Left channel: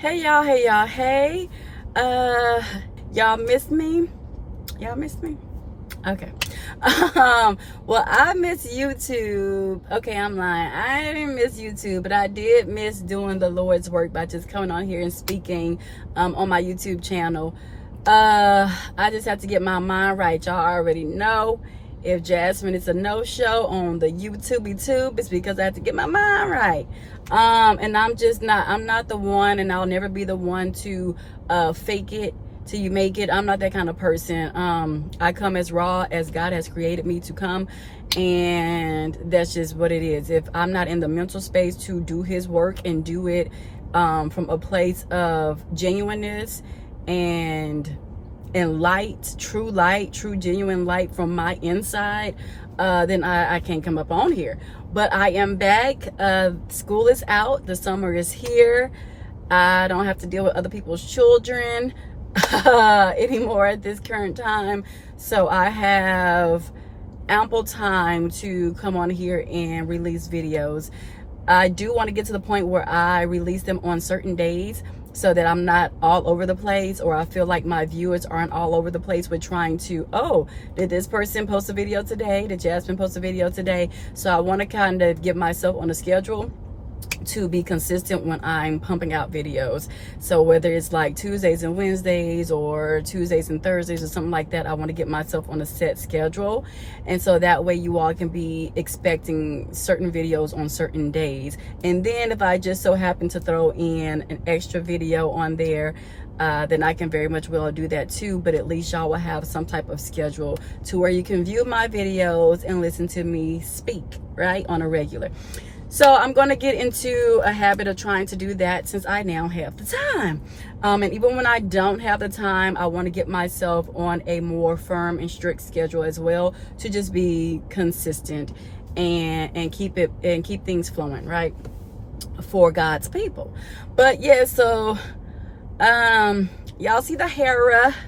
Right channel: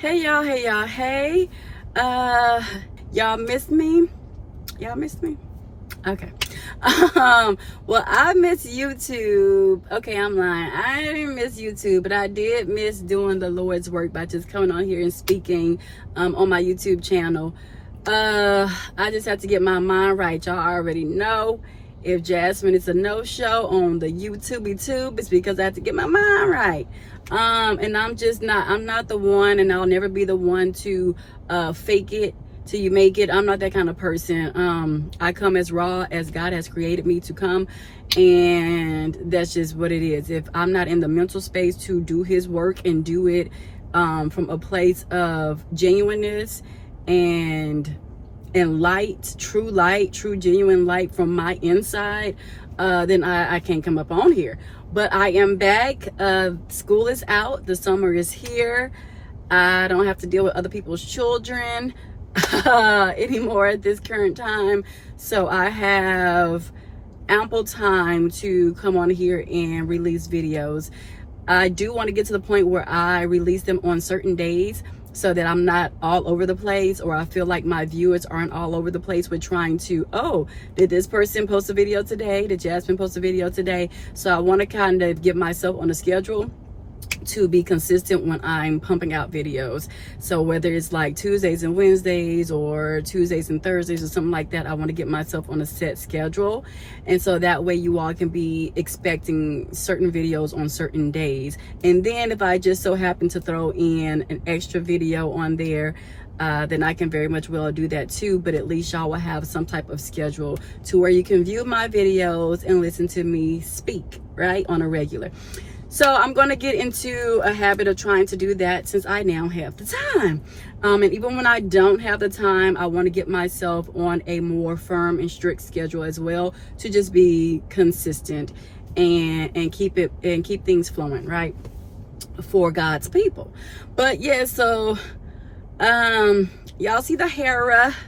Hey y'all, hey. Y'all missed me? Y'all missed me? Okay. Well, I miss YouTube. Okay, I'm lying. I didn't miss YouTube, but I did miss doing the Lord's work by just coming on here and speaking on my YouTube channel. I just have to get my mind right. Y'all already know if Jasmine is a no-show on the YouTubey tube, it's because I have to get my mind right. And I'm not the one, and I'll never be the one to fake it till you make it. I'm not that kind of person. I come as raw as God has created me to come, and that's just what it is. If I'm not in the mental space to do his work and do it from a place of genuineness and light, true genuine light from my inside, then I can't come up on here. But I am back. School is out, the summer is here. I don't have to deal with other people's children anymore at this current time, so I have ample time to come on here and release videos. I do want to get to the point where I release them on certain days so that I'm not all over the place, or I feel like my viewers aren't all over the place with trying to, oh, did this person post a video today? Did Jasmine post a video today? So I want to kind of get myself on a schedule to be consistent when I'm pumping out videos. So whether it's like Tuesdays and Wednesdays or Tuesdays and Thursdays or something like that, I want to get myself on a set schedule, and so that way you all can be expecting certain videos on certain days. And then if I just so happen to throw in an extra video on there, then I can very much well do that too, but at least y'all will have some type of schedule to where you can view my videos and listen to me speak, right, on a regular. So I'm going to get into a habit of trying to do that since I now have the time. And even when I don't have the time, I want to get myself on a more firm and strict schedule as well, to just be consistent and keep things flowing, right, for God's people. But yeah, so y'all see the hair.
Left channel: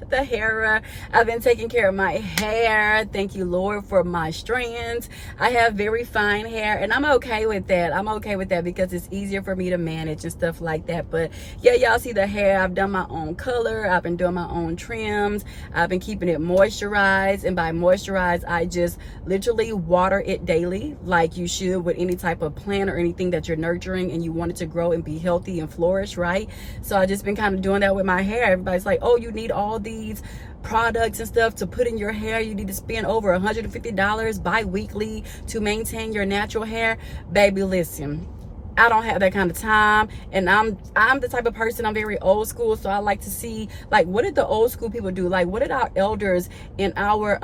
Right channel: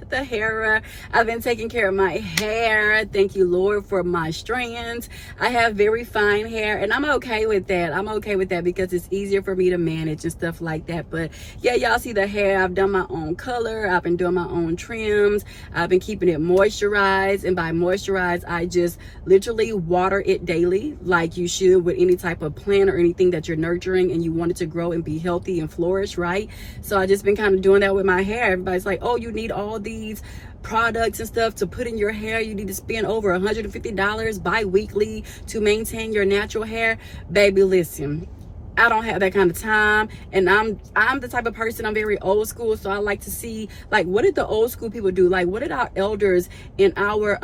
I've been taking care of my hair. Thank you, Lord, for my strands. I have very fine hair, and I'm okay with that. I'm okay with that because it's easier for me to manage and stuff like that. But yeah, y'all see the hair. I've done my own color. I've been doing my own trims. I've been keeping it moisturized, and by moisturized, I just literally water it daily, like you should with any type of plant or anything that you're nurturing and you want it to grow and be healthy and flourish, right? So I just been kind of doing that with my hair. Everybody's like, oh, you need all these products and stuff to put in your hair. You need to spend over $150 bi-weekly to maintain your natural hair. Baby, listen, I don't have that kind of time, and I'm the type of person, I'm very old school, so I like to see, like, what did the old school people do? Like, what did our elders and our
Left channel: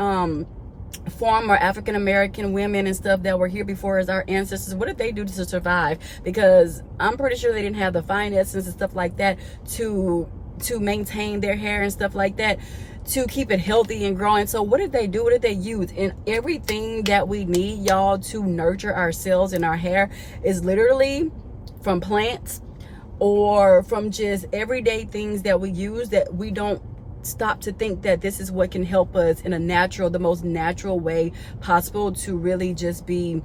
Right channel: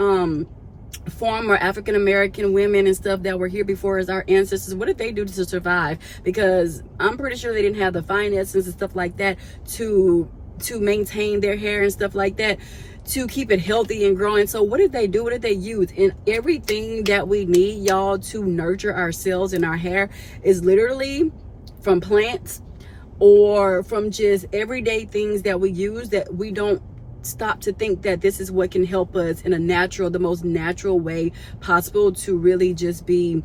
former African-American women and stuff that were here before as our ancestors, what did they do to survive? Because I'm pretty sure they didn't have the finances and stuff like that to maintain their hair and stuff like that, to keep it healthy and growing. So what did they do? What did they use? And everything that we need, y'all, to nurture ourselves and our hair is literally from plants or from just everyday things that we use, that we don't stop to think that this is what can help us in a natural, the most natural way possible, to really just be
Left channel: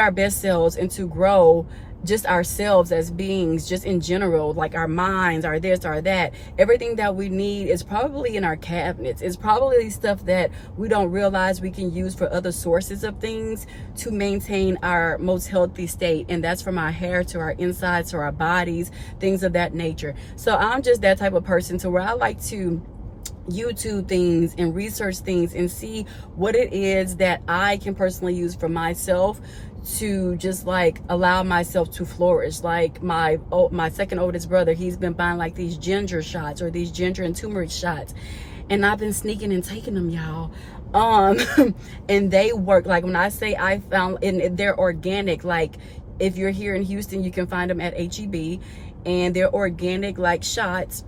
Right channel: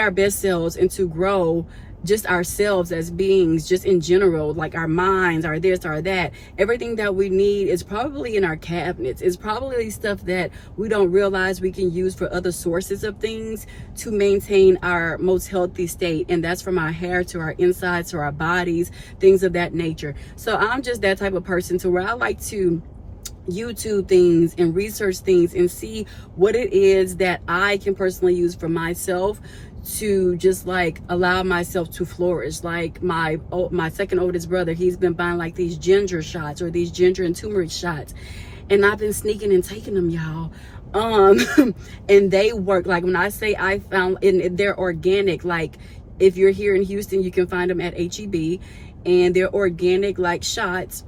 our best selves and to grow just ourselves as beings, just in general, like our minds, our this, our that. Everything that we need is probably in our cabinets. It's probably stuff that we don't realize we can use for other sources of things to maintain our most healthy state. And that's from our hair to our insides to our bodies, things of that nature. So I'm just that type of person to where I like to YouTube things and research things and see what it is that I can personally use for myself to just like allow myself to flourish. Like my second oldest brother, he's been buying like these ginger shots or these ginger and turmeric shots, and I've been sneaking and taking them, y'all. And they work. Like when I say I found, and they're organic, like if you're here in Houston, you can find them at HEB, and they're organic like shots.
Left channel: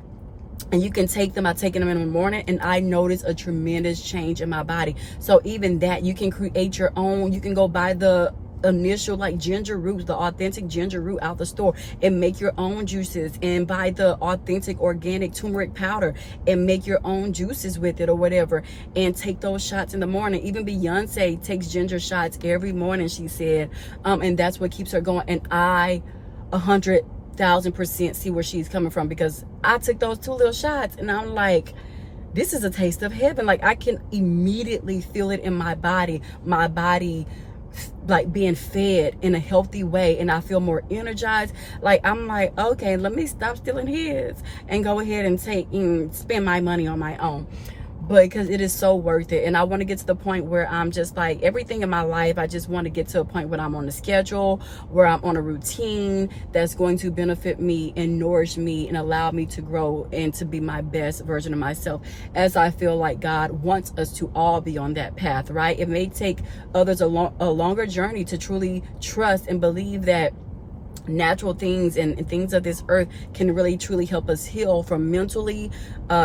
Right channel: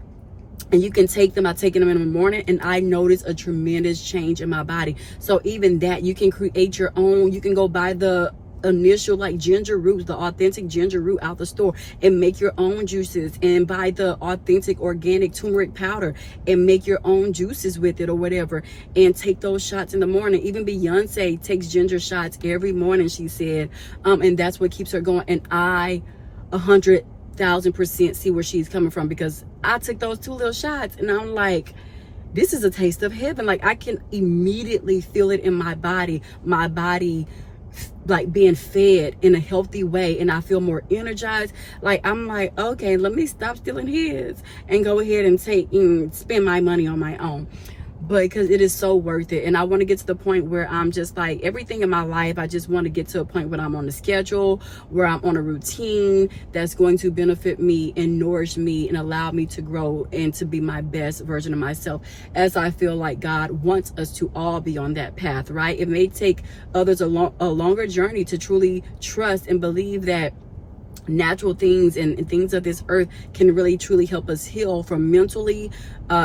And you can take them. I've taken them in the morning, and I noticed a tremendous change in my body. So even that, you can create your own. You can go buy the initial like ginger root, the authentic ginger root out the store, and make your own juices, and buy the authentic organic turmeric powder and make your own juices with it or whatever, and take those shots in the morning. Even Beyonce takes ginger shots every morning, she said, and that's what keeps her going. And I 100 1000% see where she's coming from, because I took those 2 little shots and I'm like, this is a taste of heaven. Like, I can immediately feel it in my body like being fed in a healthy way, and I feel more energized. Like, I'm like, okay, let me stop stealing his and go ahead and spend my money on my own. But because it is so worth it, and I want to get to the point where I'm just like, everything in my life, I just want to get to a point where I'm on a schedule, where I'm on a routine that's going to benefit me and nourish me and allow me to grow and to be my best version of myself, as I feel like God wants us to all be on that path, right? It may take others a longer journey to truly trust and believe that natural things and things of this earth can really truly help us heal from mentally,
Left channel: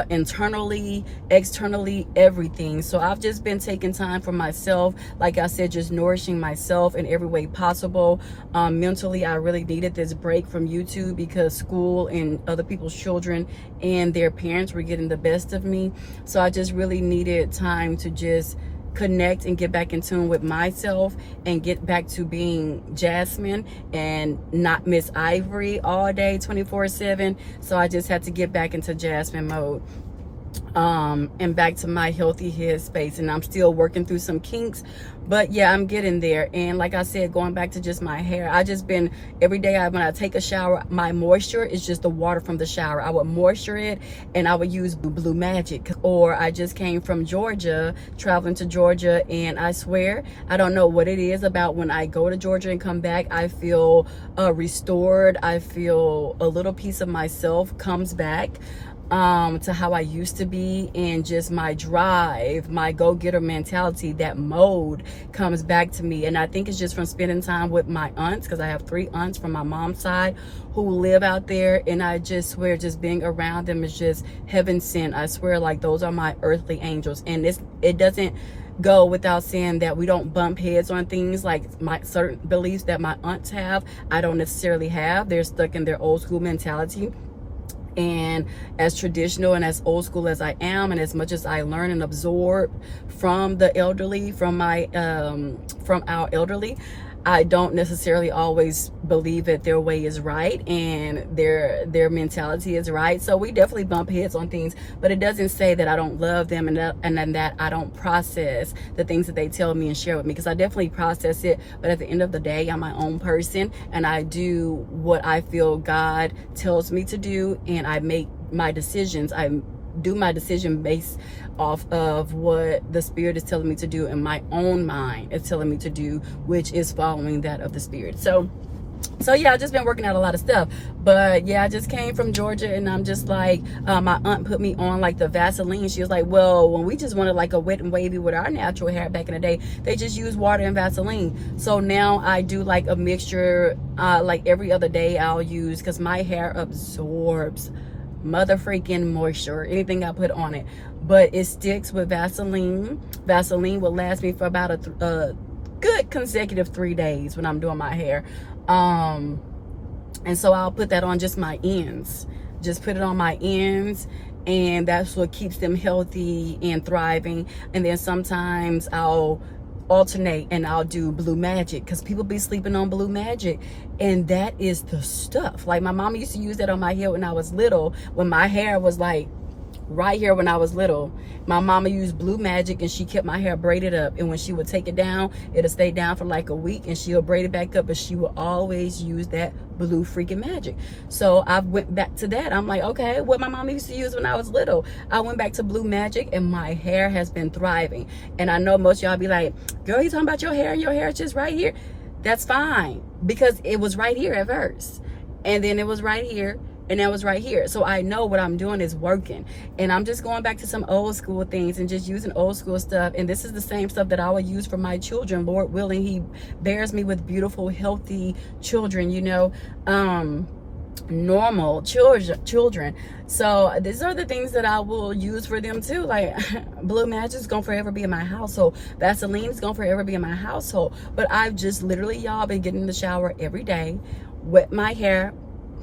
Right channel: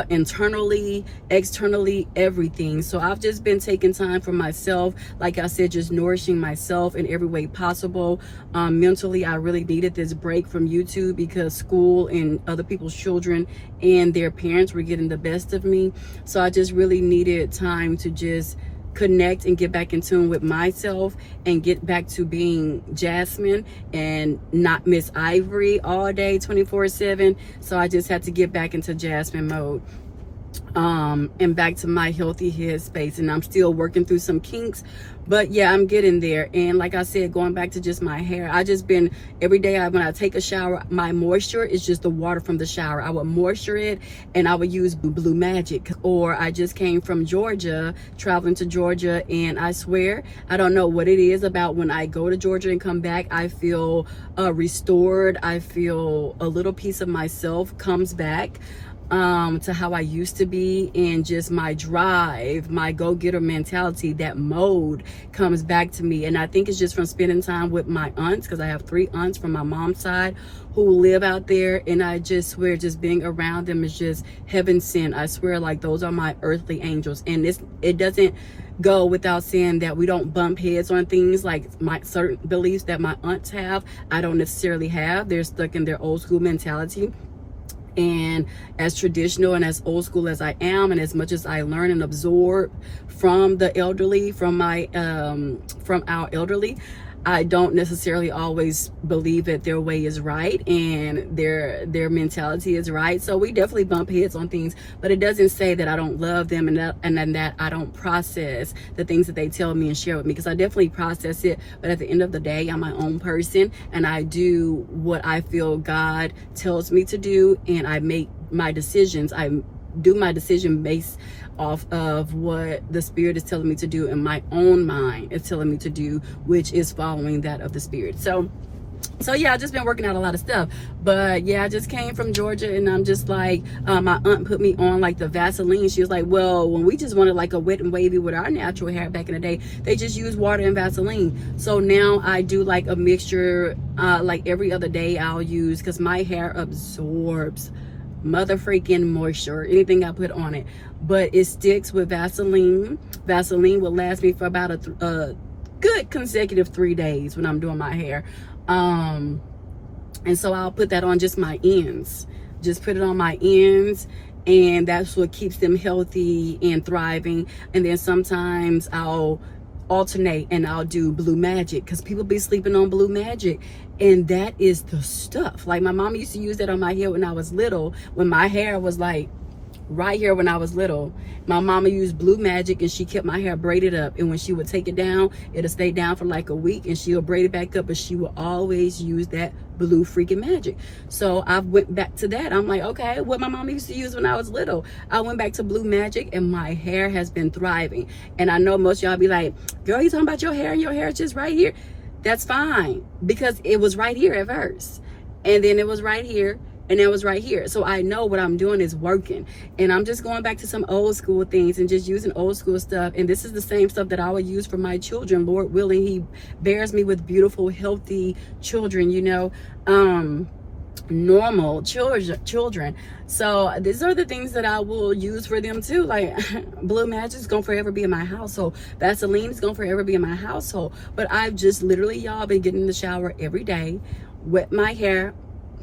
internally, externally, everything. So I've just been taking time for myself, like I said, just nourishing myself in every way possible. Mentally, I really needed this break from YouTube, because school and other people's children and their parents were getting the best of me. So I just really needed time to just connect and get back in tune with myself and get back to being Jasmine and not Miss Ivory all day 24/7. So I just had to get back into Jasmine mode, and back to my healthy head space. And I'm still working through some kinks, but yeah, I'm getting there. And like I said, going back to just my hair, I just been every day when I take a shower, my moisture is just the water from the shower. I would moisture it, and I would use Blue Magic. Or I just came from Georgia, traveling to Georgia, and I swear, I don't know what it is about when I go to Georgia and come back, I feel restored. I feel a little piece of myself comes back to how I used to be, and just my drive, my go-getter mentality, that mode comes back to me. And I think it's just from spending time with my aunts, because I have 3 aunts from my mom's side who live out there, and I just swear just being around them is just heaven sent. I swear, like, those are my earthly angels. And it doesn't go without saying that we don't bump heads on things. Like, my certain beliefs that my aunts have, I don't necessarily have. They're stuck in their old school mentality. And as traditional and as old school as I am, and as much as I learn and absorb from the elderly, from our elderly, I don't necessarily always believe that their way is right and their mentality is right. So we definitely bump heads on things, but it doesn't say that I don't love them and that I don't process the things that they tell me and share with me, because I definitely process it. But at the end of the day, I'm my own person, and I do what I feel God tells me to do, and I make my decisions. I do my decision based off of what the Spirit is telling me to do, and my own mind is telling me to do, which is following that of the Spirit. So yeah, I just been working out a lot of stuff. But yeah, I just came from Georgia, and I'm just like, my aunt put me on like the Vaseline. She was like, well, when we just wanted like a wet and wavy with our natural hair back in the day, they just used water and Vaseline. So now I do like a mixture, like every other day I'll use, because my hair absorbs mother freaking moisture, anything I put on it. But it sticks with Vaseline. Vaseline will last me for about a good consecutive 3 days when I'm doing my hair. And so I'll put that on just my ends. Just put it on my ends, and that's what keeps them healthy and thriving. And then sometimes I'll alternate and I'll do Blue Magic, because people be sleeping on Blue Magic, and that is the stuff. Like, my mom used to use that on my hair when I was little, when my hair was like right here. When I was little, my mama used Blue Magic, and she kept my hair braided up, and when she would take it down, it'll stay down for like a week, and she'll braid it back up, but she will always use that Blue freaking Magic. So I went back to that. I'm like, okay, what my mama used to use when I was little, I went back to Blue Magic, and my hair has been thriving. And I know most of y'all be like, girl, you talking about your hair, and your hair is just right here. That's fine, because it was right here at first, and then it was right here, and it was right here. So I know what I'm doing is working, and I'm just going back to some old school things and just using old school stuff. And this is the same stuff that I will use for my children. Lord willing, he bears me with beautiful, healthy children, you know, normal children. So these are the things that I will use for them too. Like, Blue Magic is gonna forever be in my household. Vaseline is gonna forever be in my household. But I've just literally, y'all, been getting in the shower every day, wet my hair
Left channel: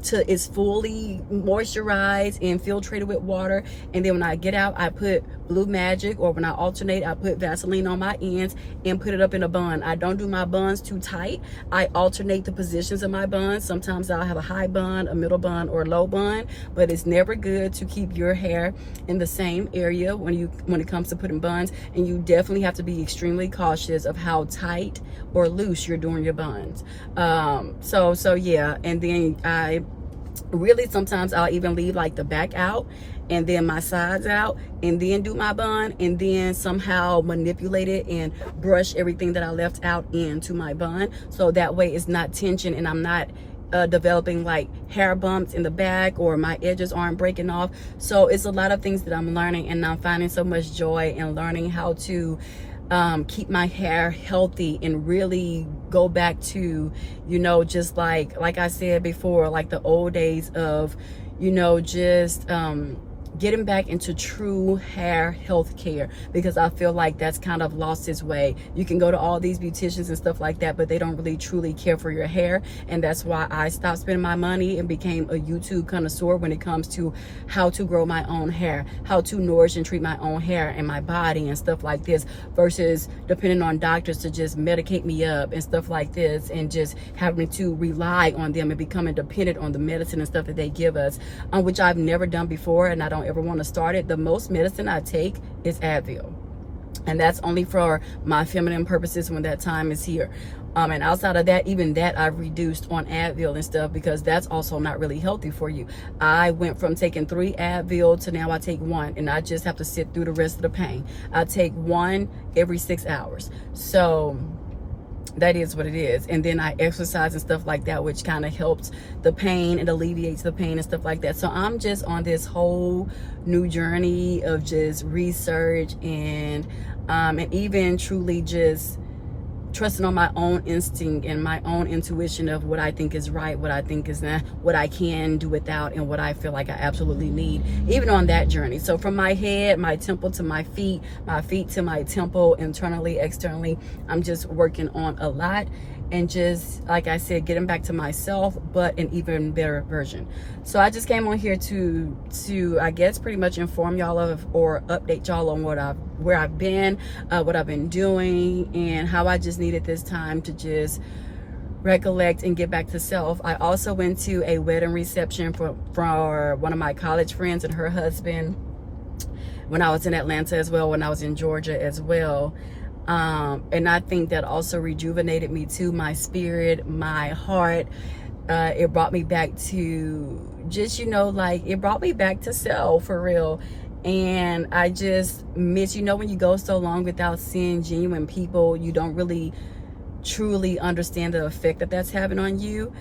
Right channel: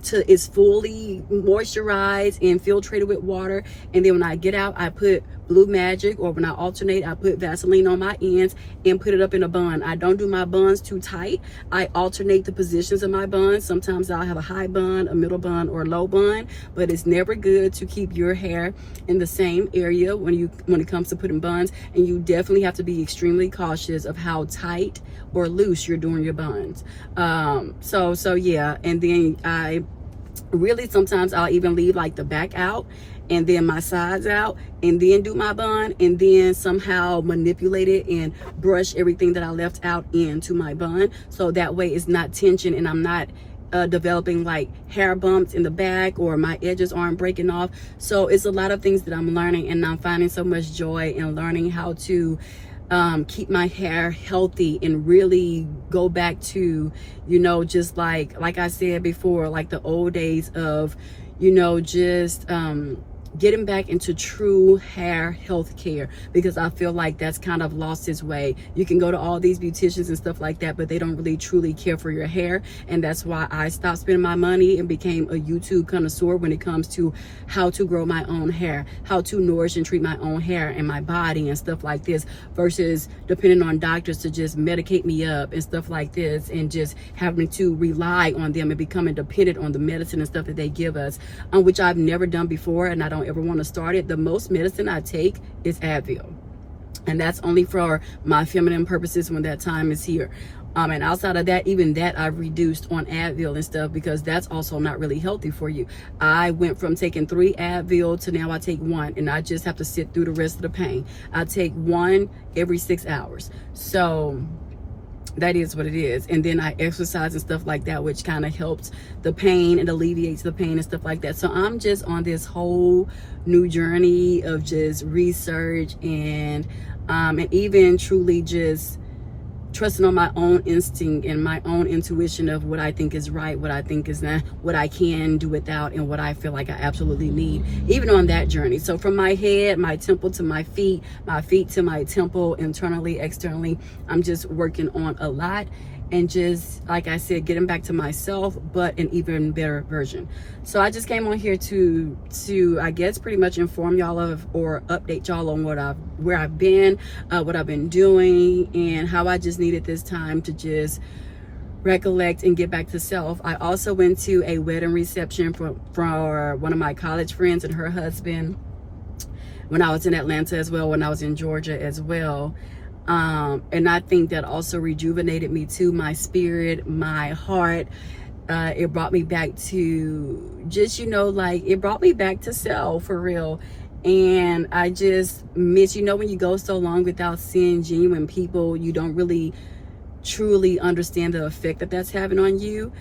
till it's fully moisturized and filtrated with water, and then when I get out, I put Blue Magic, or when I alternate, I put Vaseline on my ends and put it up in a bun. I don't do my buns too tight. I alternate the positions of my buns. Sometimes I'll have a high bun, a middle bun, or a low bun, but it's never good to keep your hair in the same area when it comes to putting buns. And you definitely have to be extremely cautious of how tight or loose you're doing your buns. So yeah. And then I really, sometimes I'll even leave like the back out and then my sides out, and then do my bun, and then somehow manipulate it and brush everything that I left out into my bun, so that way it's not tension and I'm not developing like hair bumps in the back, or my edges aren't breaking off. So it's a lot of things that I'm learning, and I'm finding so much joy in learning how to keep my hair healthy and really go back to, you know, just like I said before, like the old days of, you know, just getting back into true hair health care, because I feel like that's kind of lost its way. You can go to all these beauticians and stuff like that, but they don't really truly care for your hair. And that's why I stopped spending my money and became a YouTube connoisseur when it comes to how to grow my own hair, how to nourish and treat my own hair and my body and stuff like this, versus depending on doctors to just medicate me up and stuff like this, and just having to rely on them and becoming dependent on the medicine and stuff that they give us, which I've never done before, and I don't ever want to start it. The most medicine I take is Advil, and that's only for my feminine purposes when that time is here. And outside of that, even that I've reduced on Advil and stuff, because that's also not really healthy for you. I went from taking 3 Advil to now I take 1, and I just have to sit through the rest of the pain. I take 1 every 6 hours. So that is what it is. And then I exercise and stuff like that, which kind of helps the pain and alleviates the pain and stuff like that. So I'm just on this whole new journey of just research and even truly just trusting on my own instinct and my own intuition of what I think is right, what I think is not, what I can do without, and what I feel like I absolutely need, even on that journey. So from my head, my temple to my feet to my temple, internally, externally, I'm just working on a lot. And just, like I said, getting back to myself, but an even better version. So I just came on here to I guess pretty much inform y'all of, or update y'all on where I've been, what I've been doing, and how I just needed this time to just recollect and get back to self. I also went to a wedding reception for one of my college friends and her husband when I was in Atlanta as well, when I was in Georgia as well. And I think that also rejuvenated me too, my spirit, my heart. It brought me back to just, you know, like it brought me back to self for real. And I just miss, you know, when you go so long without seeing genuine people, you don't really truly understand the effect that that's having on you.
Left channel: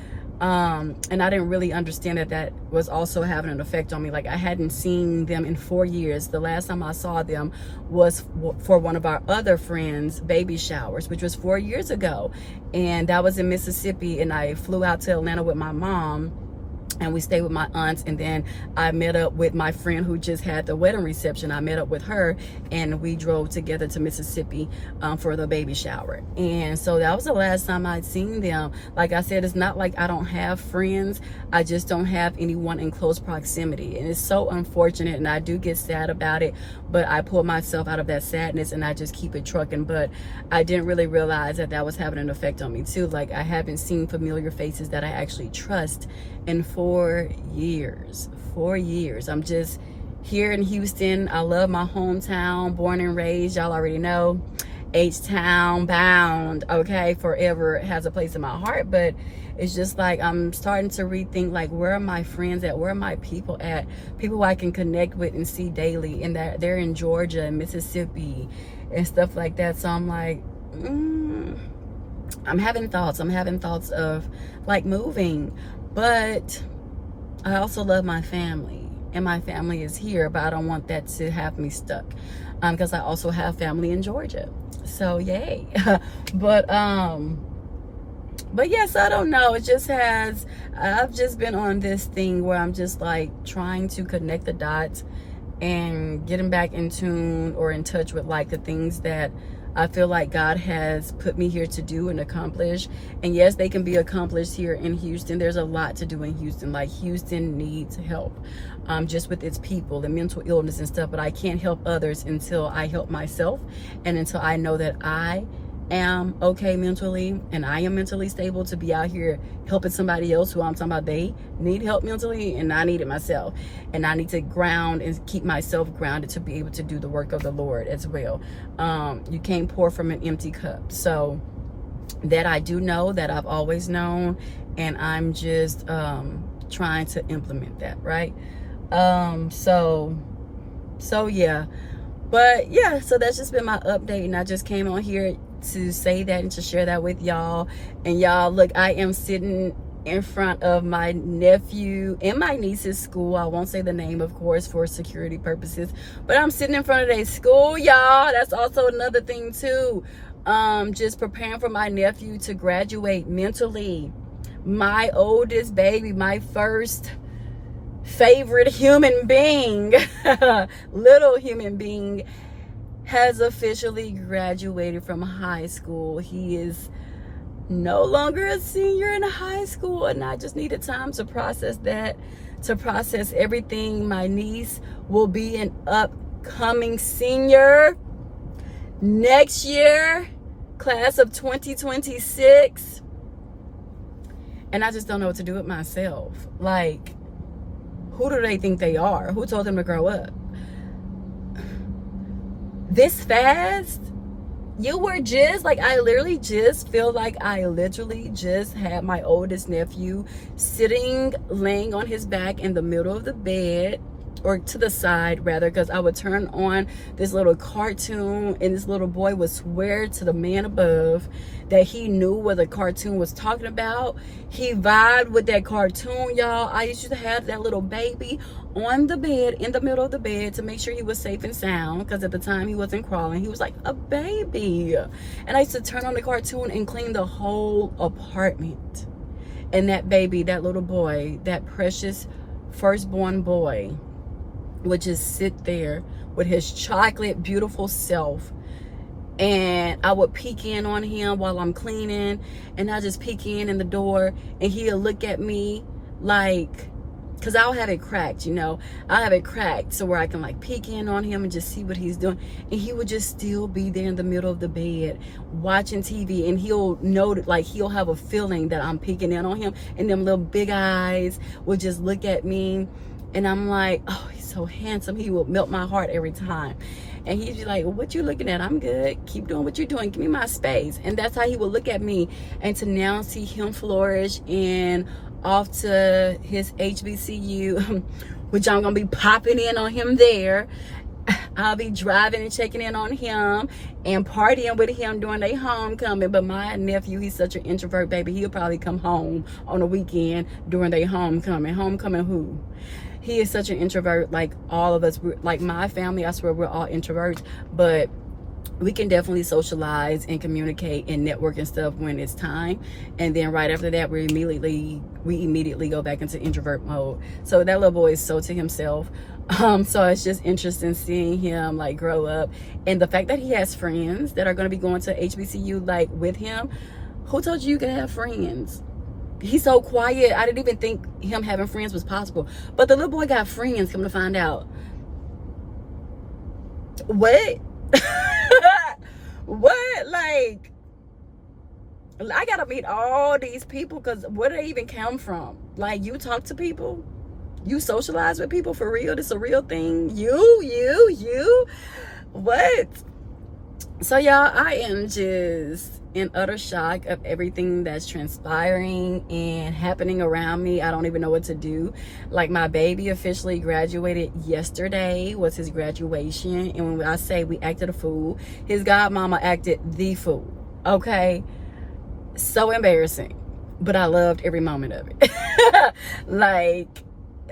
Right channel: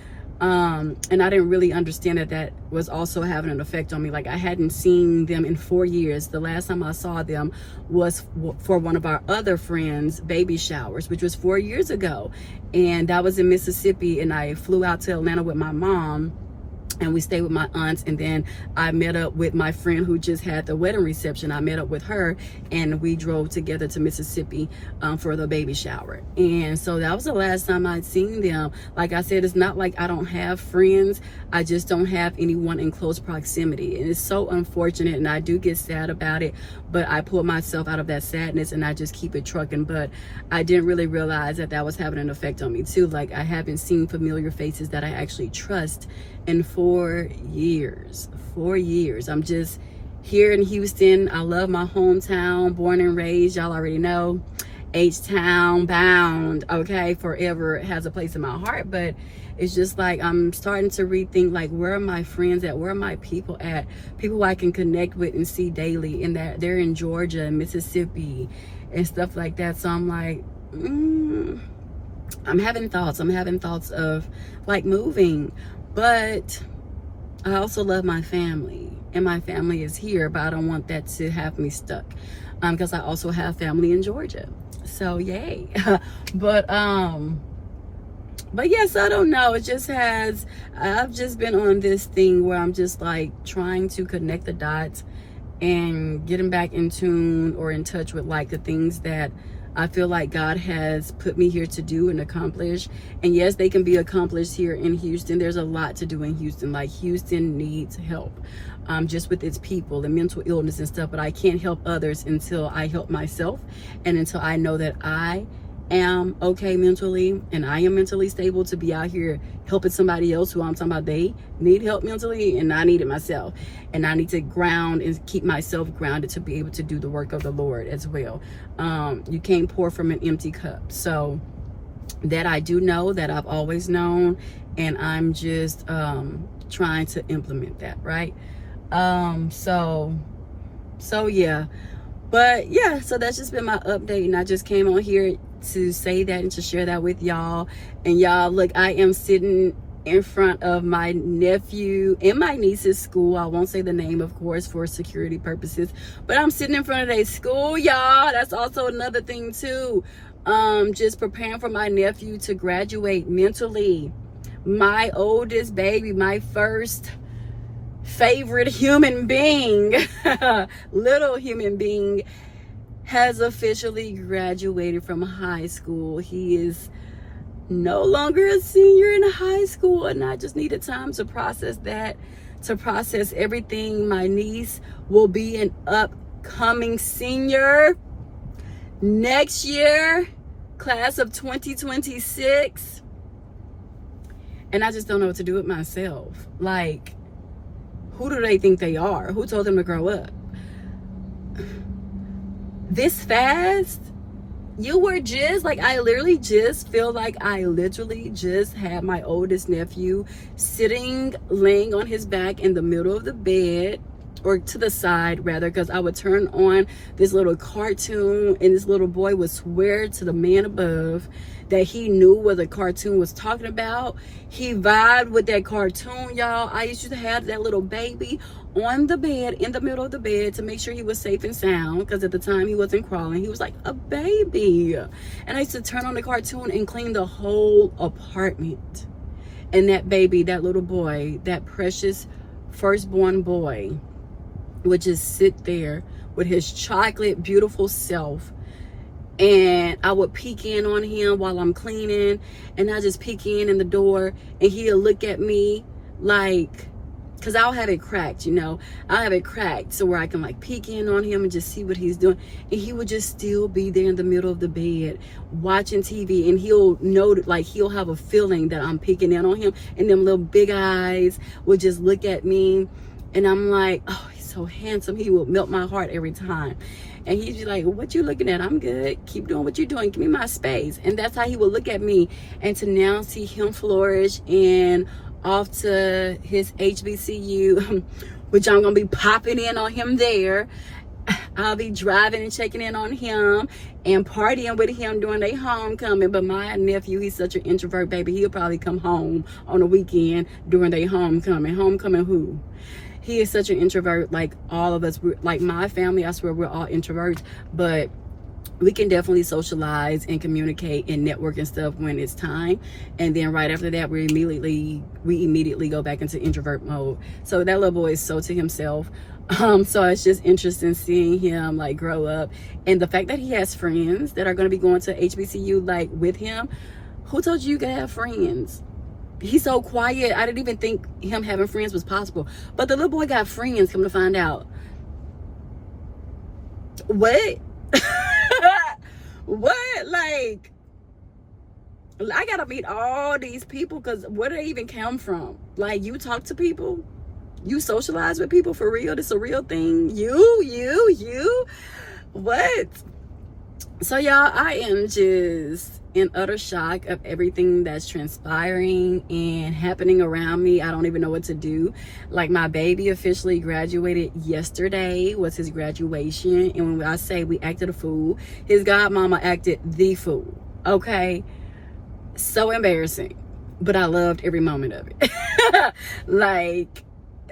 And I didn't really understand that was also having an effect on me. Like, I hadn't seen them in 4 years. The last time I saw them was for one of our other friends' baby showers, which was 4 years ago. And that was in Mississippi. And I flew out to Atlanta with my mom, and we stayed with my aunts, and then I met up with my friend who just had the wedding reception. I met up with her, and we drove together to Mississippi for the baby shower. And so that was the last time I'd seen them. Like I said, it's not like I don't have friends. I just don't have anyone in close proximity. And it's so unfortunate, and I do get sad about it, but I pull myself out of that sadness and I just keep it trucking. But I didn't really realize that was having an effect on me too. Like, I haven't seen familiar faces that I actually trust in 4 years. 4 years. I'm just here in Houston. I love my hometown, born and raised. Y'all already know, H-Town bound, okay? Forever has a place in my heart. But it's just like I'm starting to rethink, like, where are my friends at? Where are my people at? People I can connect with and see daily, and that they're in Georgia and Mississippi and stuff like that. So I'm like, I'm having thoughts. I'm having thoughts of like moving. But I also love my family, and my family is here, but I don't want that to have me stuck, because I also have family in Georgia. So yay. But yes, I don't know. It just has, I've just been on this thing where I'm just like trying to connect the dots and getting back in tune or in touch with like the things that I feel like God has put me here to do and accomplish. And yes, they can be accomplished here in Houston. There's a lot to do in Houston. Like, Houston needs help, just with its people and mental illness and stuff. But I can't help others until I help myself, and until I know that I am okay mentally and I am mentally stable to be out here helping somebody else who I'm talking about they need help mentally, and I need it myself. And I need to ground and keep myself grounded to be able to do the work of the Lord as well. You can't pour from an empty cup. So that I do know, that I've always known, and I'm just trying to implement that, right? So yeah. But yeah, so that's just been my update, and I just came on here to say that and to share that with y'all. And y'all, look, I am sitting in front of my nephew and my niece's school. I won't say the name, of course, for security purposes, but I'm sitting in front of their school, y'all. That's also another thing too. Just preparing for my nephew to graduate mentally. My oldest baby, my first favorite human being, little human being, has officially graduated from high school. He is no longer a senior in high school, and I just needed time to process that, to process everything. My niece will be an upcoming senior next year, class of 2026, and I just don't know what to do with myself. Like, who do they think they are? Who told them to grow up this fast? You were just like, I literally just feel like I literally just had my oldest nephew sitting, laying on his back in the middle of the bed, or to the side rather, because I would turn on this little cartoon and this little boy would swear to the man above that he knew what the cartoon was talking about. He vibed with that cartoon, y'all. I used to have that little baby on the bed, in the middle of the bed, to make sure he was safe and sound, because at the time he wasn't crawling. He was like a baby. And I used to turn on the cartoon and clean the whole apartment. And that baby, that little boy, that precious firstborn boy, would just sit there with his chocolate beautiful self, and I would peek in on him while I'm cleaning, and I just peek in the door, and he'll look at me like, because I'll have it cracked, you know, I'll have it cracked so where I can like peek in on him and just see what he's doing. And he would just still be there in the middle of the bed watching TV, and he'll know, like, he'll have a feeling that I'm peeking in on him, and them little big eyes would just look at me, and I'm like, oh, he's so handsome. He will melt my heart every time. And he'd be like, what you looking at? I'm good. Keep doing what you're doing. Give me my space. And that's how he would look at me. And to now see him flourish and off to his HBCU, which I'm going to be popping in on him there. I'll be driving and checking in on him and partying with him during their homecoming. But my nephew, he's such an introvert, baby. He'll probably come home on the weekend during their homecoming. Homecoming who? He is such an introvert, like all of us. Like my family, I swear we're all introverts, but we can definitely socialize and communicate and network and stuff when it's time. And then right after that, we immediately go back into introvert mode. So that little boy is so to himself. So it's just interesting seeing him like grow up, and the fact that he has friends that are going to be going to HBCU like with him. Who told you can have friends? He's so quiet. I didn't even think him having friends was possible. But the little boy got friends, come to find out. What? What? Like, I gotta meet all these people, because where do they even come from? Like, you talk to people? You socialize with people for real? This is a real thing? You? What? So y'all, I am just in utter shock of everything that's transpiring and happening around me. I don't even know what to do. Like, my baby officially graduated yesterday, was his graduation. And when I say we acted a fool, his godmama acted the fool. Okay? So embarrassing. But I loved every moment of it. Like,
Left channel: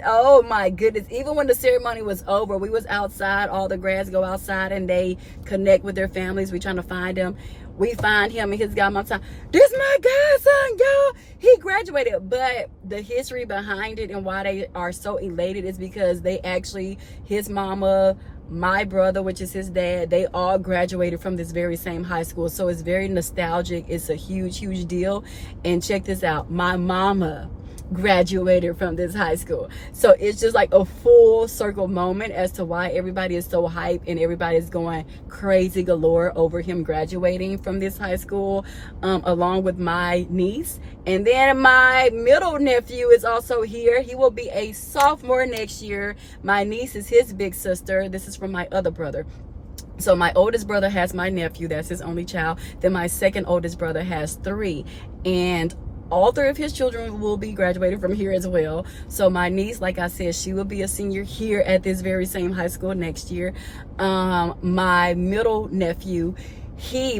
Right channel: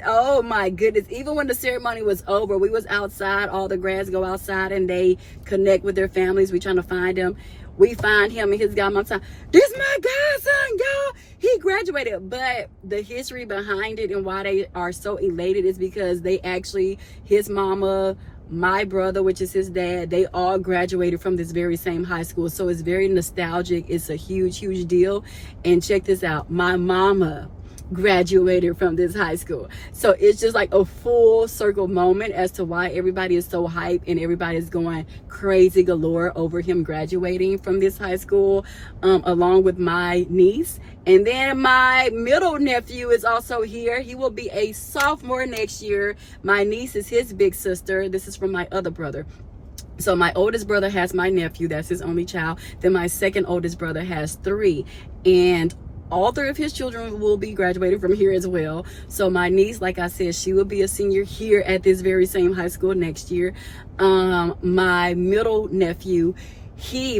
oh my goodness. Even when the ceremony was over, we was outside. All the grads go outside and they connect with their families. We trying to find them. We find him and his godmom time. This my godson, y'all. He graduated. But the history behind it and why they are so elated is because they actually, his mama my brother, which is his dad, they all graduated from this very same high school. So it's very nostalgic. It's a huge deal. And check this out, my mama graduated from this high school. So it's just like a full circle moment as to why everybody is so hyped and everybody is going crazy galore over him graduating from this high school, along with my niece. And then my middle nephew is also here. He will be a sophomore next year. My niece is his big sister. This is from my other brother. So my oldest brother has my nephew, that's his only child. Then my second oldest brother has 3, and all 3 of his children will be graduating from here as well. So my niece, like I said, she will be a senior here at this very same high school next year. My middle nephew,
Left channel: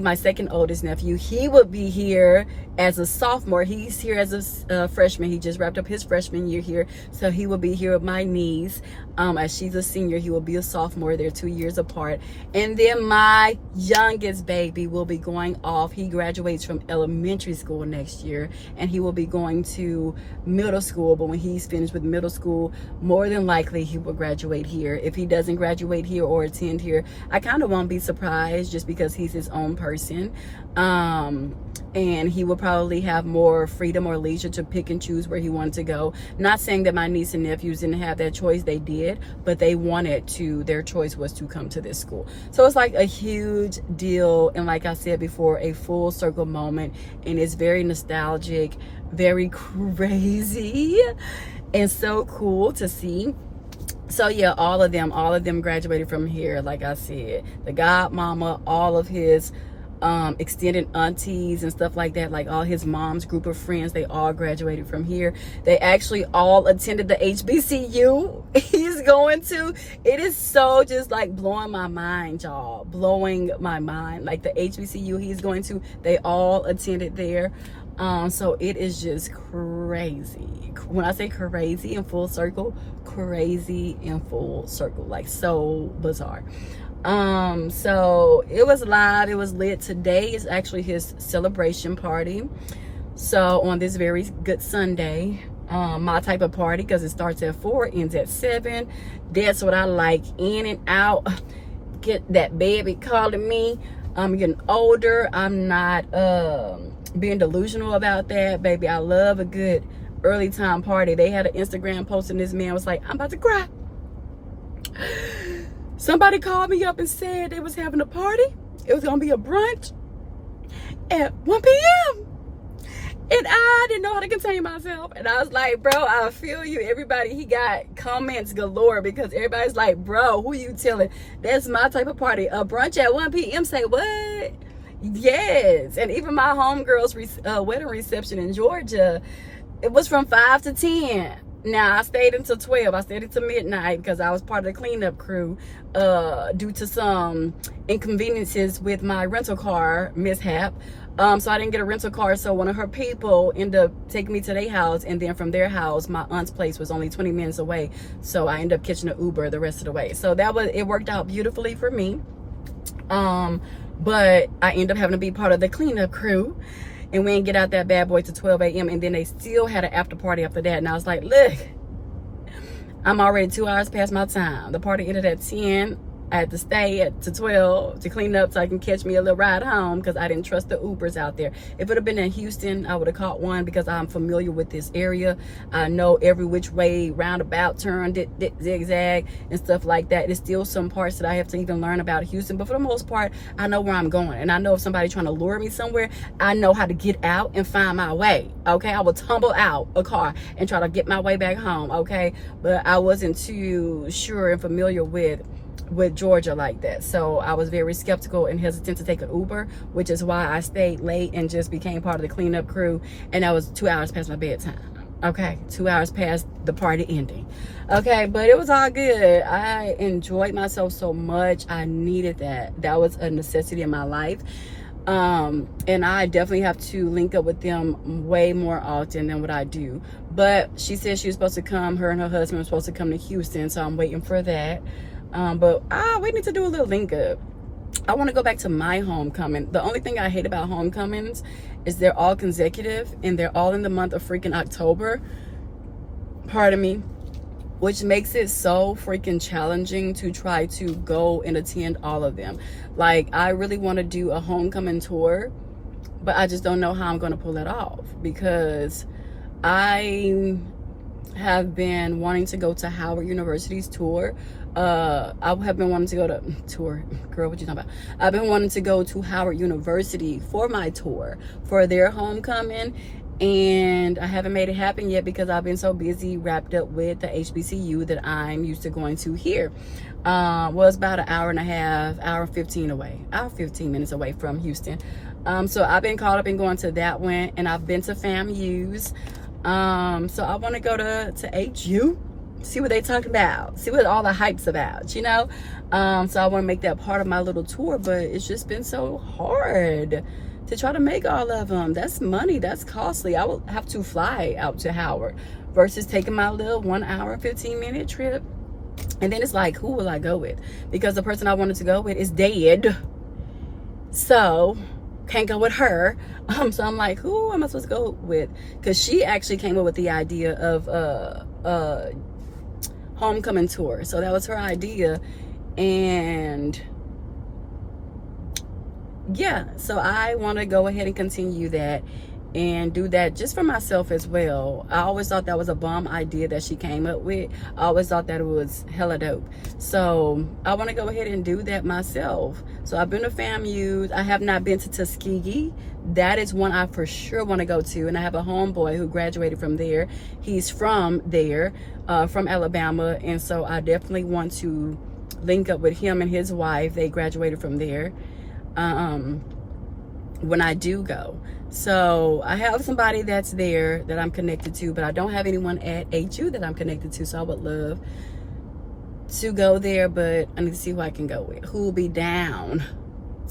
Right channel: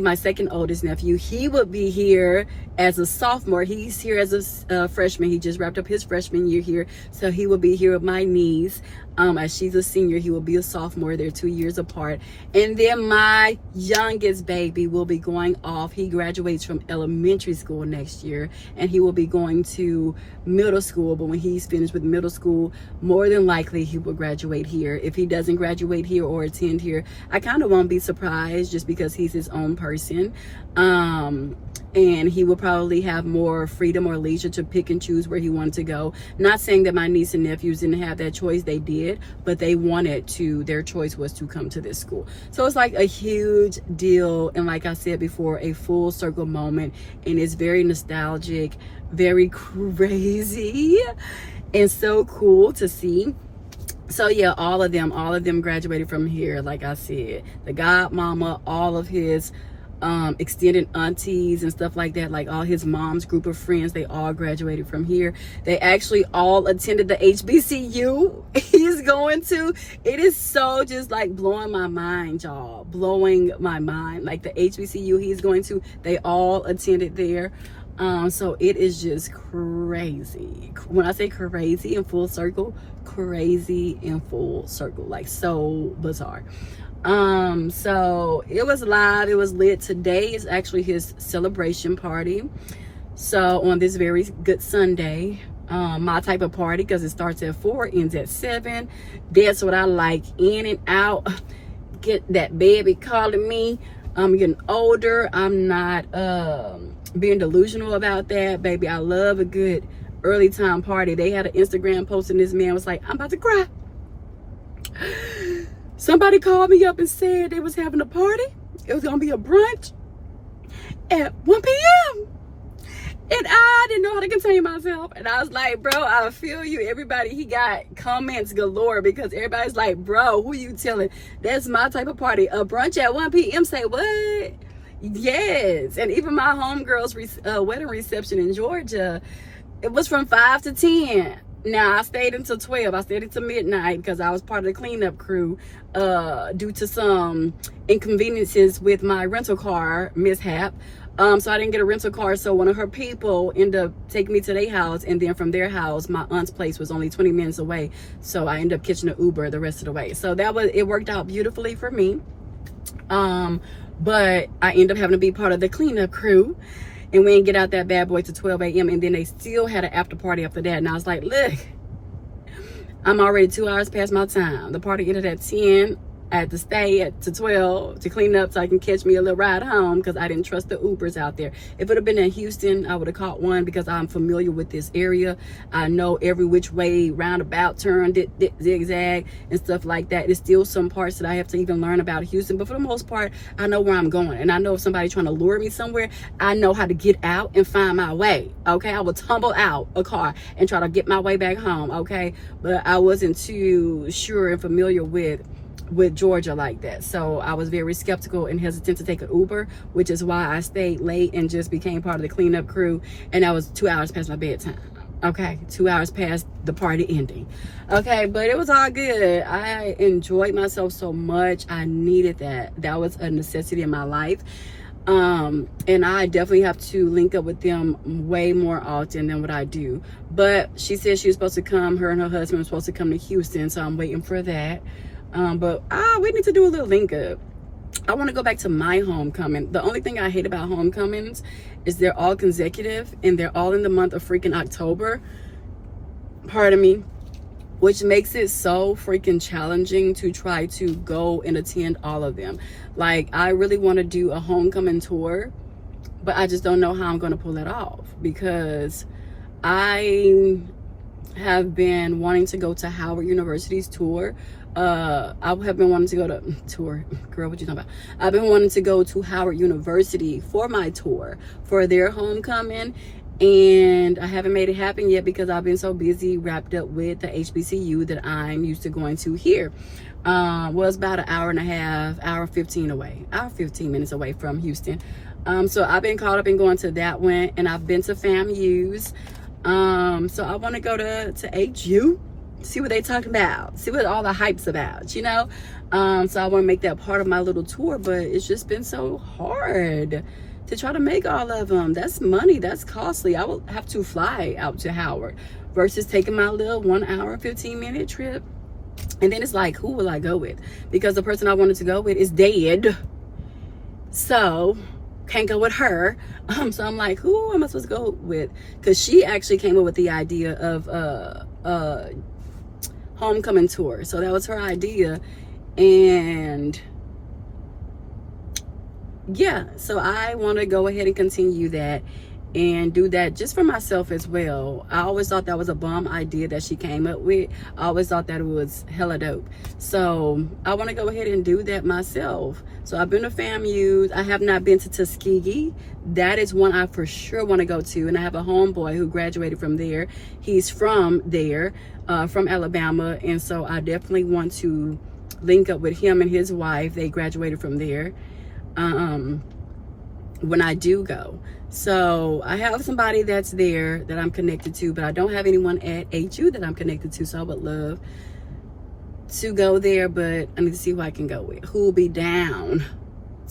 my second oldest nephew, he would be here as a sophomore. He's here as a freshman. He just wrapped up his freshman year here. So he will be here with my niece. As she's a senior, he will be a sophomore. They're 2 years apart. And then my youngest baby will be going off. He graduates from elementary school next year, and he will be going to middle school. But when he's finished with middle school, more than likely he will graduate here. If he doesn't graduate here or attend here, I kind of won't be surprised, just because he's his own person. And he will probably have more freedom or leisure to pick and choose where he wanted to go. Not saying that my niece and nephews didn't have that choice, they did, but they wanted to, their choice was to come to this school. So it's like a huge deal, and like I said before, a full circle moment, and it's very nostalgic, very crazy, and so cool to see. So yeah, all of them graduated from here. Like I said, the godmama, all of his extended aunties and stuff like that, like all his mom's group of friends, they all graduated from here. They actually all attended the HBCU he's going to. It is so just like blowing my mind, y'all, blowing my mind. Like the HBCU he's going to, they all attended there. So it is just crazy. When I say crazy in full circle, crazy in full circle, like so bizarre. So it was live, it was lit. Today is actually his celebration party. So on this very good Sunday, my type of party, because it starts at 4, ends at 7. That's what I like, in and out. Get that baby calling me. I'm getting older. I'm not being delusional about that, baby. I love a good early time party. They had an Instagram post and this man was like, I'm about to cry. Somebody called me up and said they was having a party. It was gonna be a brunch at 1 p.m. And I didn't know how to contain myself. And I was like, bro, I feel you. Everybody, he got comments galore, because everybody's like, bro, who you telling? That's my type of party. A brunch at 1 p.m. Say what? Yes. And even my homegirl's wedding reception in Georgia, it was from 5 to 10. Now I stayed until 12. I stayed until midnight because I was part of the cleanup crew due to some inconveniences with my rental car mishap. So I didn't get a rental car, so one of her people ended up taking me to their house, and then from their house, my aunt's place was only 20 minutes away, so I ended up catching an Uber the rest of the way. So it worked out beautifully for me. But I ended up having to be part of the cleanup crew, and we didn't get out that bad boy to 12 a.m. and then they still had an after party after that. And I was like, look, I'm already 2 hours past my time. The party ended at 10. I had to stay to 12 to clean up so I can catch me a little ride home, because I didn't trust the Ubers out there. If it would have been in Houston, I would have caught one, because I'm familiar with this area. I know every which way, roundabout, turn, zigzag, and stuff like that. There's still some parts that I have to even learn about Houston, but for the most part, I know where I'm going. And I know if somebody's trying to lure me somewhere, I know how to get out and find my way, okay? I will tumble out a car and try to get my way back home, okay? But I wasn't too sure and familiar with Georgia like that, so I was very skeptical and hesitant to take an Uber, which is why I stayed late and just became part of the cleanup crew. And I was 2 hours past my bedtime, okay? 2 hours past the party ending, okay? But it was all good. I enjoyed myself so much. I needed that was a necessity in my life. And I definitely have to link up with them way more often than what I do. But she said she was supposed to come, her and her husband were supposed to come to Houston, so I'm waiting for that. But we need to do a little link up. I want to go back to my homecoming. The only thing I hate about homecomings is they're all consecutive and they're all in the month of freaking October. Pardon me. which makes it so freaking challenging to try to go and attend all of them. Like, I really want to do a homecoming tour, but I just don't know how I'm going to pull that off, because I have been wanting to go to Howard University's tour. I have been wanting to go to tour, girl, what you talking about? I've been wanting to go to Howard University for my tour, for their homecoming, and I haven't made it happen yet because I've been so busy wrapped up with the HBCU that I'm used to going to here. Was about an hour and a half, hour 15 away, hour 15 minutes away from Houston. So I've been caught up in going to that one, and I've been to FAMU's. So I want to go to HU, see what they talking about, see what all the hype's about, you know. So I want to make that part of my little tour, but it's just been so hard to try to make all of them. That's money, that's costly. I will have to fly out to Howard versus taking my little 1 hour and 15-minute trip. And then it's like, who will I go with? Because the person I wanted to go with is dead, so can't go with her. So I'm like, who am I supposed to go with? Because she actually came up with the idea of a homecoming tour. So that was her idea. And yeah, so I want to go ahead and continue that and do that just for myself as well. I always thought that was a bomb idea that she came up with. I always thought that it was hella dope. So I want to go ahead and do that myself. So I've been to FAMU. I have not been to Tuskegee. That is one I for sure want to go to. And I have a homeboy who graduated from there. He's from there, from Alabama. And so I definitely want to link up with him and his wife. They graduated from there when I do go. So I have somebody that's there that I'm connected to, but I don't have anyone at HU that I'm connected to. So I would love to go there, but I need to see who I can go with, who will be down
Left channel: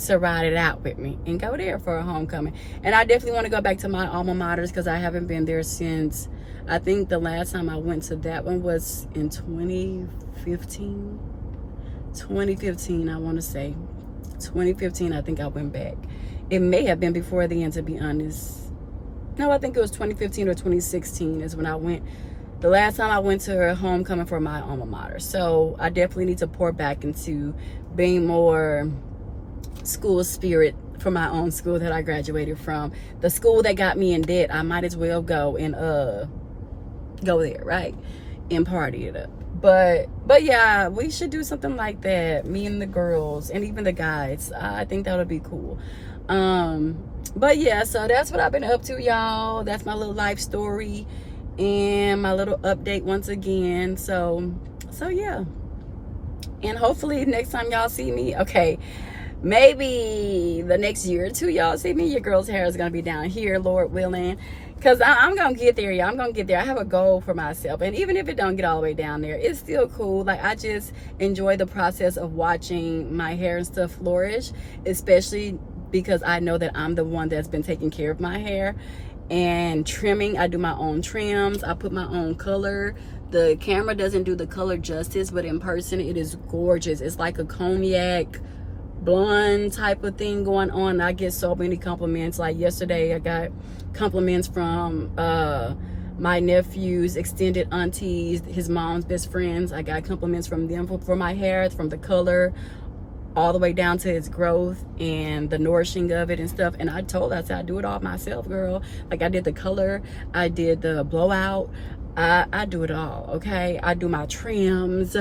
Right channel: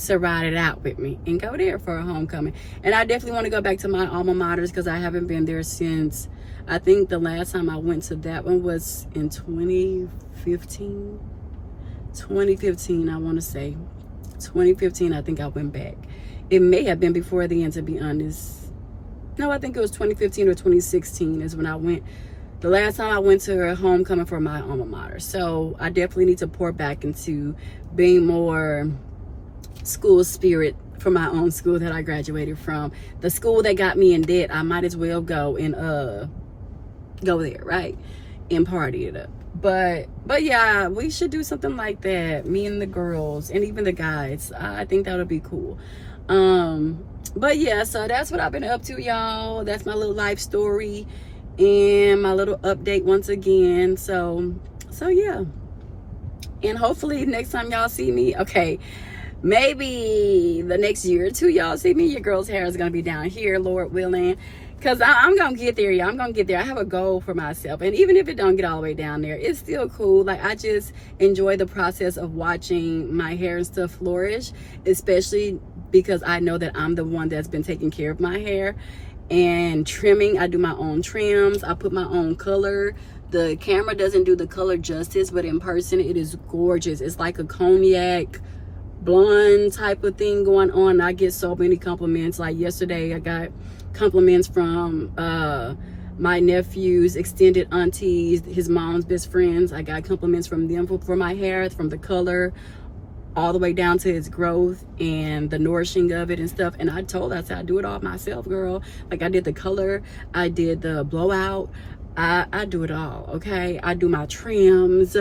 to ride it out with me and go there for a homecoming. And I definitely want to go back to my alma maters, because I haven't been there since, I think the last time I went to that one was in 2015. 2015, I want to say 2015. I think I went back. It may have been before then, to be honest. No, I think it was 2015 or 2016 is when I went. The last time I went to a homecoming for my alma mater. So I definitely need to pour back into being more school spirit for my own school that I graduated from. The school that got me in debt, I might as well go and go there, right? And party it up. But yeah, we should do something like that, me and the girls and even the guys. I think that would be cool. But yeah, so that's what I've been up to, y'all. That's my little life story and my little update once again. So yeah, and hopefully next time y'all see me, okay, maybe the next year or two y'all see me, your girl's hair is gonna be down here, Lord willing. Because I'm going to get there, y'all. I'm going to get there. I have a goal for myself. And even if it don't get all the way down there, it's still cool. Like, I just enjoy the process of watching my hair and stuff flourish, especially because I know that I'm the one that's been taking care of my hair. And trimming, I do my own trims. I put my own color. The camera doesn't do the color justice, but in person, it is gorgeous. It's like a cognac blonde type of thing going on. I get so many compliments. Like yesterday, I got compliments from my nephew's extended aunties, his mom's best friends. I got compliments from them for my hair, from the color all the way down to its growth and the nourishing of it and stuff. And I told her, I said, I do it all myself, girl. Like, I did the color, I did the blowout, I do it all. Okay, I do my trims.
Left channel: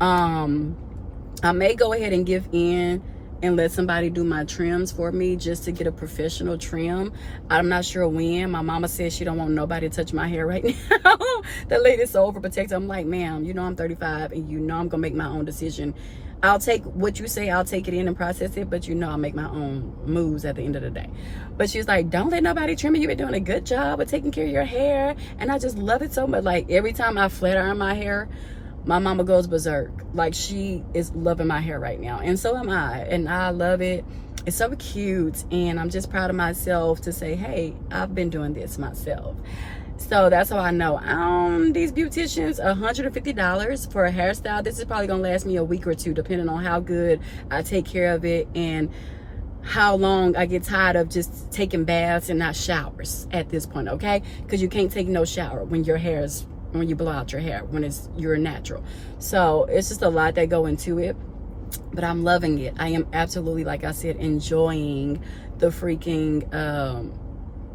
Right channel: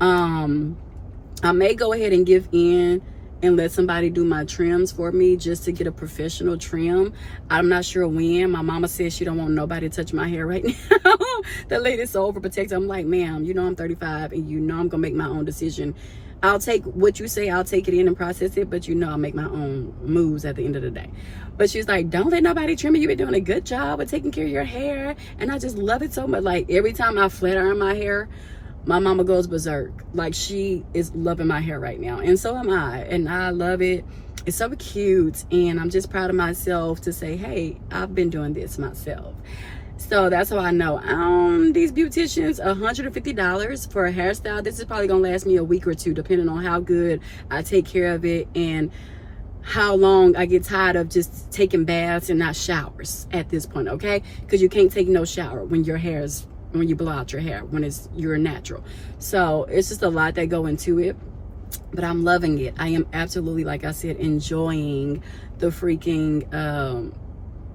I may go ahead and give in and let somebody do my trims for me just to get a professional trim. I'm not sure when. My mama says she don't want nobody to touch my hair right now. The lady's so overprotective. I'm like, ma'am, you know I'm 35 and you know I'm gonna make my own decision. I'll take what you say, I'll take it in and process it, but you know I'll make my own moves at the end of the day. But she's like, don't let nobody trim you. You've been doing a good job of taking care of your hair. And I just love it so much. Like, every time I flat iron my hair, my mama goes berserk. Like, she is loving my hair right now, and so am I, and I love it. It's so cute, and I'm just proud of myself to say, hey, I've been doing this myself. So that's how I know. These beauticians, $150 for a hairstyle. This is probably gonna last me a week or two, depending on how good I take care of it and how long I get tired of just taking baths and not showers at this point, okay? Because you can't take no shower when your hair is when you blow out your hair, when you're natural. So it's just a lot that go into it, but I'm loving it. I am absolutely, like I said, enjoying the freaking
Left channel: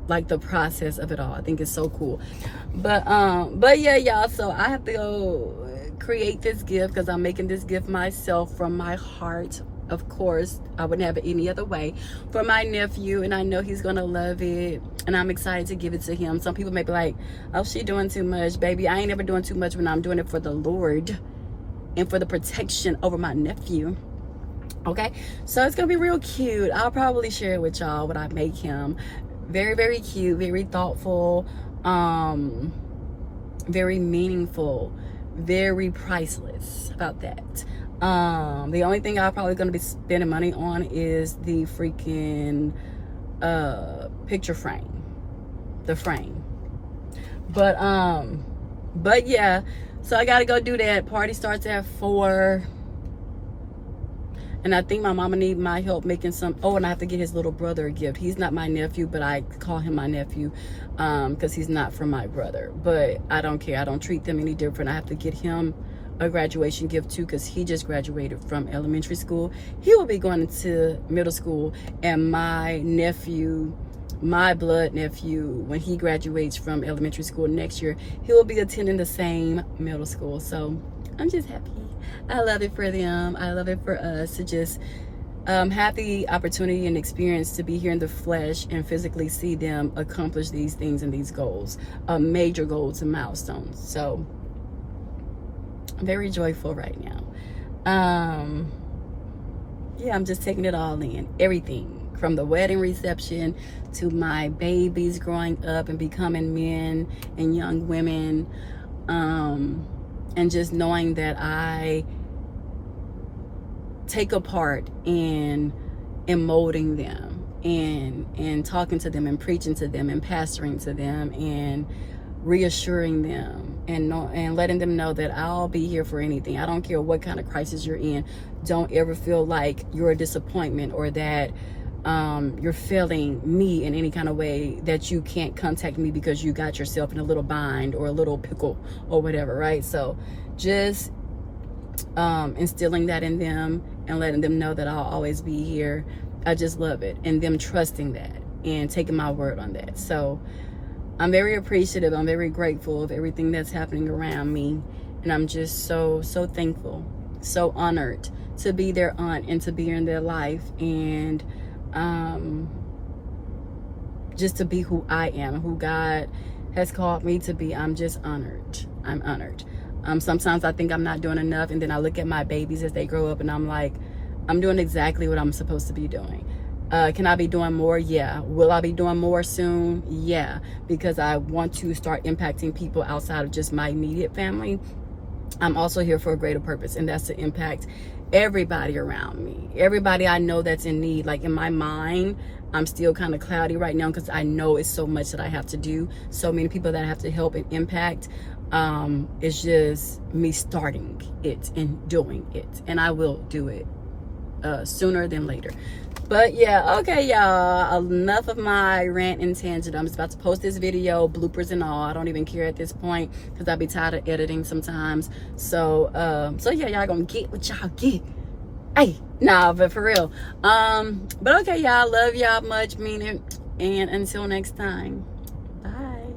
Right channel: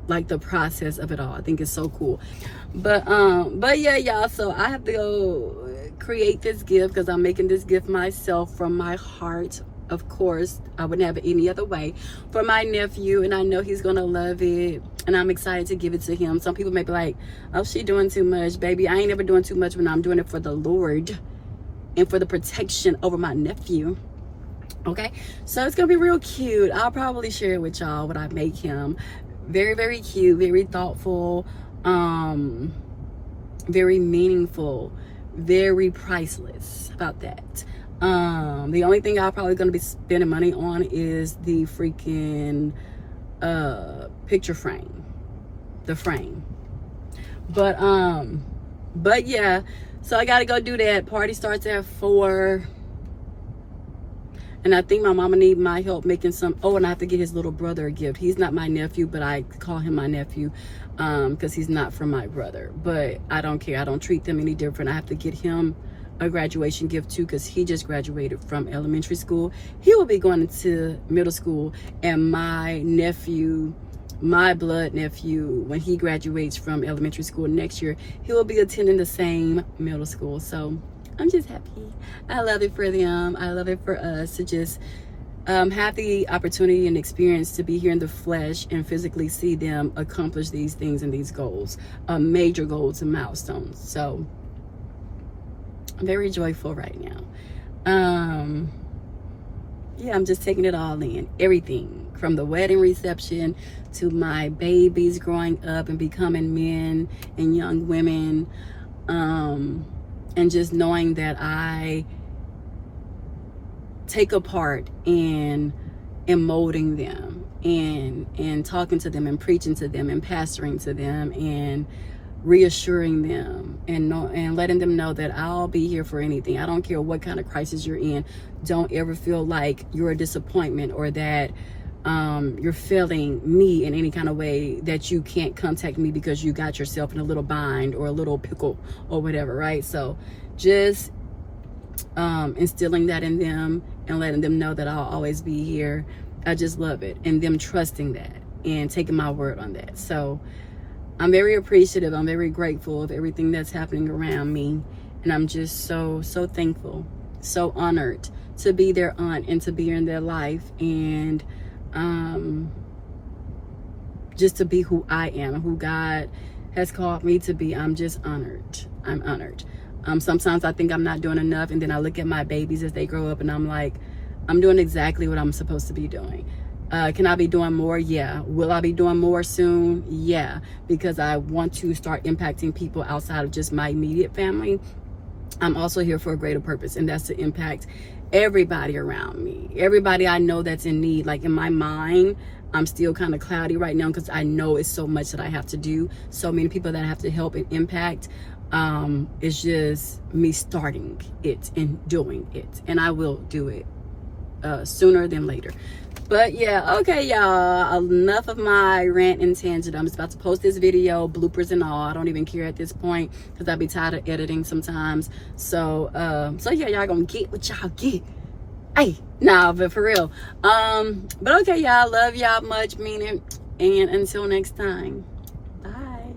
like the process of it all. I think it's so cool. But yeah, y'all, so I have to go create this gift because I'm making this gift myself from my heart. Of course, I wouldn't have it any other way, for my nephew, and I know he's gonna love it, and I'm excited to give it to him. Some people may be like, oh, she doing too much. Baby, I ain't never doing too much when I'm doing it for the Lord and for the protection over my nephew. Okay, so it's gonna be real cute. I'll probably share it with y'all when I make him. Very, very cute, very thoughtful, very meaningful, very priceless. About that. The only thing I'm probably gonna be spending money on is the freaking picture frame, the frame. But yeah, so I gotta go do that. Party starts at 4. And I think my mama need my help making some. Oh, and I have to get his little brother a gift. He's not my nephew, but I call him my nephew because he's not from my brother. But I don't care. I don't treat them any different. I have to get him a graduation gift too because he just graduated from elementary school. He will be going to middle school, and my nephew, my blood nephew, when he graduates from elementary school next year, he will be attending the same middle school. So I'm just happy. I love it for them. I love it for us to just have the opportunity and experience to be here in the flesh and physically see them accomplish these things and these goals, major goals and milestones. So I'm very joyful right now. Yeah, I'm just taking it all in. Everything from the wedding reception to my babies growing up and becoming men and young women. And just knowing that I take a part in molding them and talking to them and preaching to them and pastoring to them and reassuring them and letting them know that I'll be here for anything. I don't care what kind of crisis you're in. Don't ever feel like you're a disappointment or that you're failing me in any kind of way, that you can't contact me because you got yourself in a little bind or a little pickle or whatever, right? So just instilling that in them and letting them know that I'll always be here. I just love it, and them trusting that and taking my word on that. So I'm very appreciative. I'm very grateful of everything that's happening around me, and I'm just so thankful, so honored to be their aunt and to be in their life, and just to be who I am, who God has called me to be. I'm just honored. I'm honored. Sometimes I think I'm not doing enough, and then I look at my babies as they grow up and I'm like, I'm doing exactly what I'm supposed to be doing. Can I be doing more? Yeah. Will I be doing more soon? Yeah, because I want to start impacting people outside of just my immediate family. I'm also here for a greater purpose, and that's to impact everybody around me, everybody I know that's in need. Like in my mind, I'm still kind of cloudy right now because I know it's so much that I have to do, so many people that I have to help and impact. It's just me starting it and doing it, and I will do it sooner than later. But yeah, okay, y'all, enough of my rant and tangent. I'm just about to post this video, bloopers and all. I don't even care at this point because I be tired of editing sometimes. So yeah, y'all gonna get what y'all get. Hey, nah, but for real. But okay, y'all, love y'all much, mean it, and until next time, bye.